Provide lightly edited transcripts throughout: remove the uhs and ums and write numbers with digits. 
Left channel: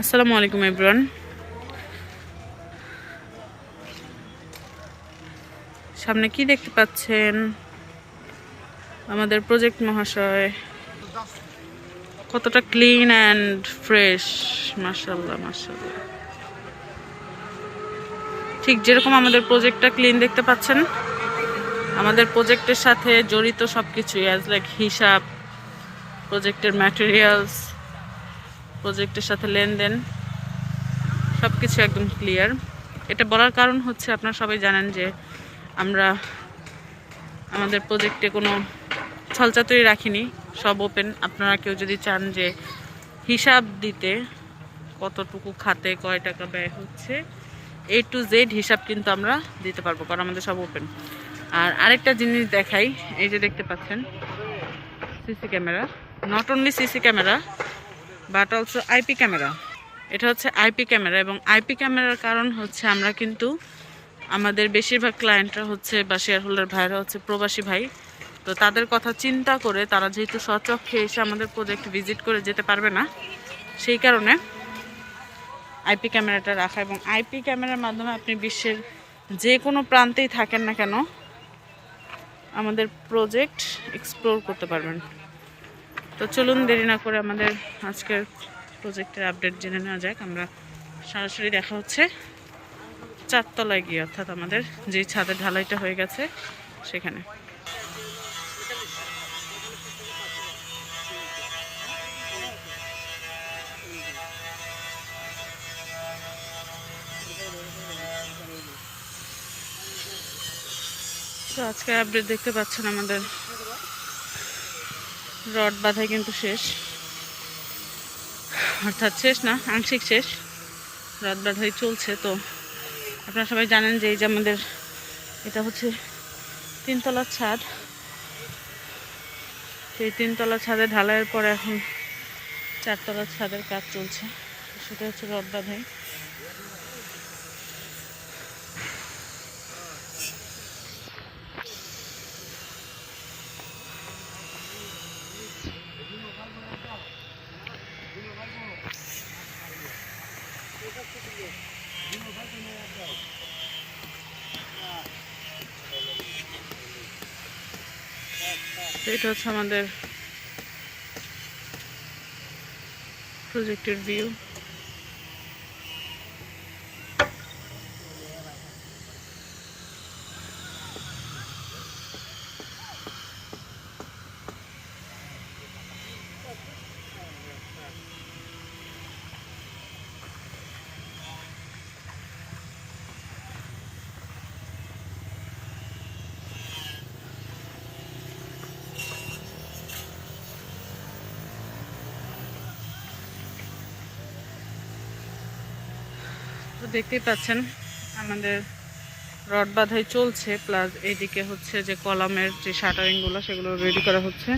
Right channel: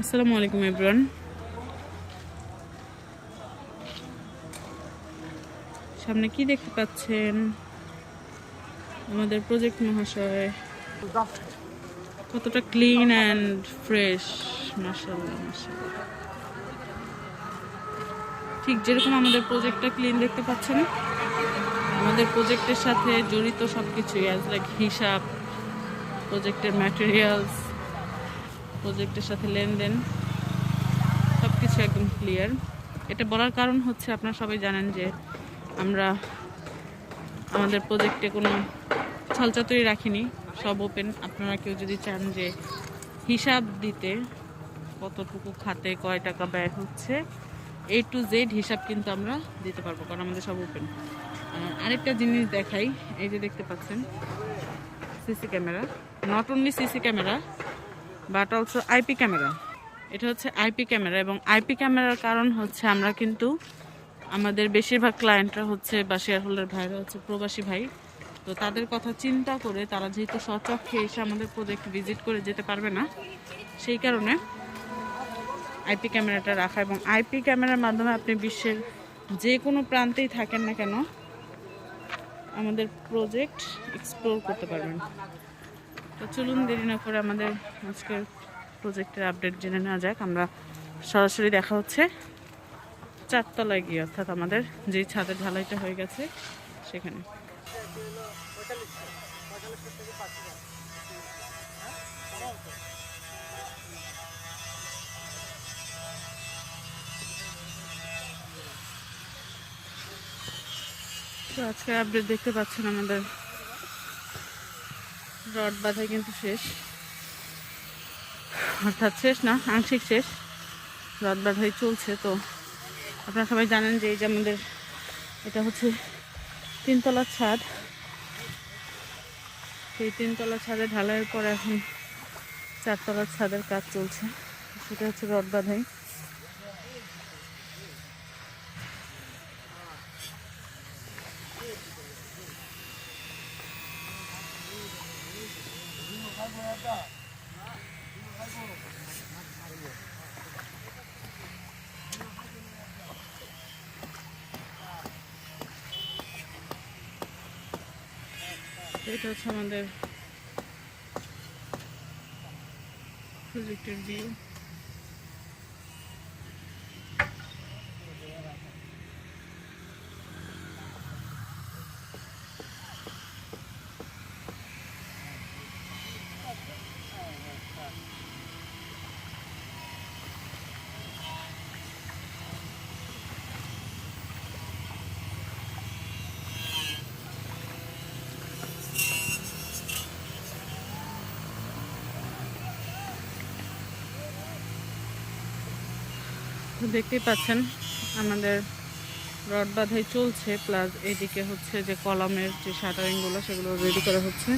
আসসালামু আলাইকুম এভরিওয়ান। সামনে কি দেখতে পাচ্ছেন? আমাদের প্রজেক্ট মহাশয় কতটা ক্লিন অ্যান্ড ফ্রেশ, মাশাআল্লাহ মাশাআল্লাহ। ঠিক যেরকম আমাদের প্রজেক্টটা ক্লিন দেখতে পাচ্ছেন, আমাদের প্রজেক্টের সাথে জড়িত সবকিছুই অ্যাজ লাইক হিসাব, প্রজেক্টের ম্যাটেরিয়ালস, প্রজেক্টের সাথে লেনদেন সবকিছু একদম ক্লিয়ার। এটা বলার কারণ হচ্ছে আপনারা সবাই জানেন যে আমরা আমাদের প্রজেক্টে কোনো ছলচাতুরি রাখিনি, সব ওপেন। আপনারা কেউ যদি চান যে হিসাব দিতে কতটুকু খাতে কয় টাকা ব্যয় হচ্ছে, A to Z হিসাব কিন্তু আমরা দিতে পারবো, কারণ আমাদের সব ওপেন। আর আরেকটা জিনিস দেখাই, এই যে দেখতে পাচ্ছেন CC camera, not only CC camera but also IP camera. এটা হচ্ছে আইপি ক্যামেরা, এবং আইপি ক্যামেরার কারণ হচ্ছে আমরা কিন্তু আমাদের বেশিরভাগ ক্লায়েন্টরা হচ্ছে বা শেয়ার হোল্ডার ভাইরা হচ্ছে প্রবাসী ভাই। তো তাদের কথা চিন্তা করে তারা যেহেতু স্বচক্ষে এসে আমাদের প্রজেক্ট ভিজিট করে যেতে পারবে না, সেই কারণে আইপি ক্যামেরাটা রাখা। এবং আইপি ক্যামেরার মাধ্যমে আপনি বিশ্বের যে কোনো প্রান্তেই থাকেন না কেন আমাদের প্রজেক্ট এক্সপ্লোর করতে পারবেন। তো চলুন দেরি না করে আমাদের আজকের প্রজেক্টের আপডেট জেনে নেওয়া যাক। আমরা সরাসরি দেখা হচ্ছে চারতলায় গিয়ে, অর্থাৎ আমাদের যে ছাদের ঢালাইটা হয়ে গেছে সেখানে। তো আজকের আপডেট দেখতে পাচ্ছেন, আমাদের রড বাঁধাই কিন্তু শেষ, অর্থাৎ শেষ না, আংশিক শেষ, রড বাঁধাই চলছে। তো আপনারা সবাই জানেন যে এই যে আমাদের এটা হচ্ছে 3 তলার ছাদ। সেই 3 তলার ছাদে ঢালাইয়ের পরে এখন 4 তলার ছাদের কাজ চলছে, সেটা হচ্ছে রড বাঁধাই। এটা হচ্ছে আমাদের প্রজেক্টের ভিউ। তো দেখতেই পাচ্ছেন আমাদের রড বাঁধাই চলছে, প্লাস এইদিকে হচ্ছে যে কলামের যে শাটারিংগুলো সেগুলো রেডি করা হচ্ছে।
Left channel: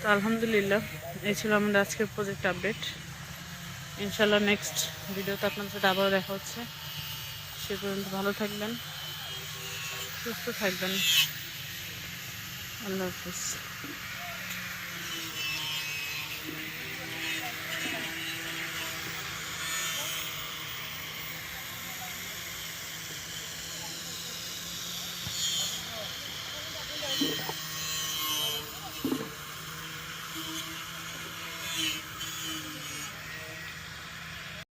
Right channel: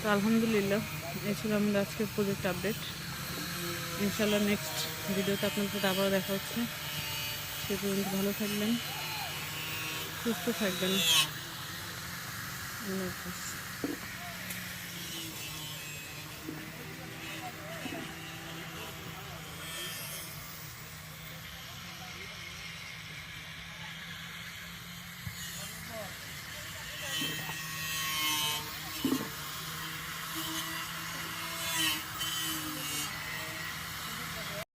তো আলহামদুলিল্লাহ, এই ছিল আমাদের আজকের প্রজেক্ট আপডেট। ইনশাল্লাহ নেক্সট ভিডিওতে আপনাদের সাথে আবারও দেখা হচ্ছে। সে পর্যন্ত ভালো থাকবেন, সুস্থ থাকবেন। আল্লাহ হাফিজ।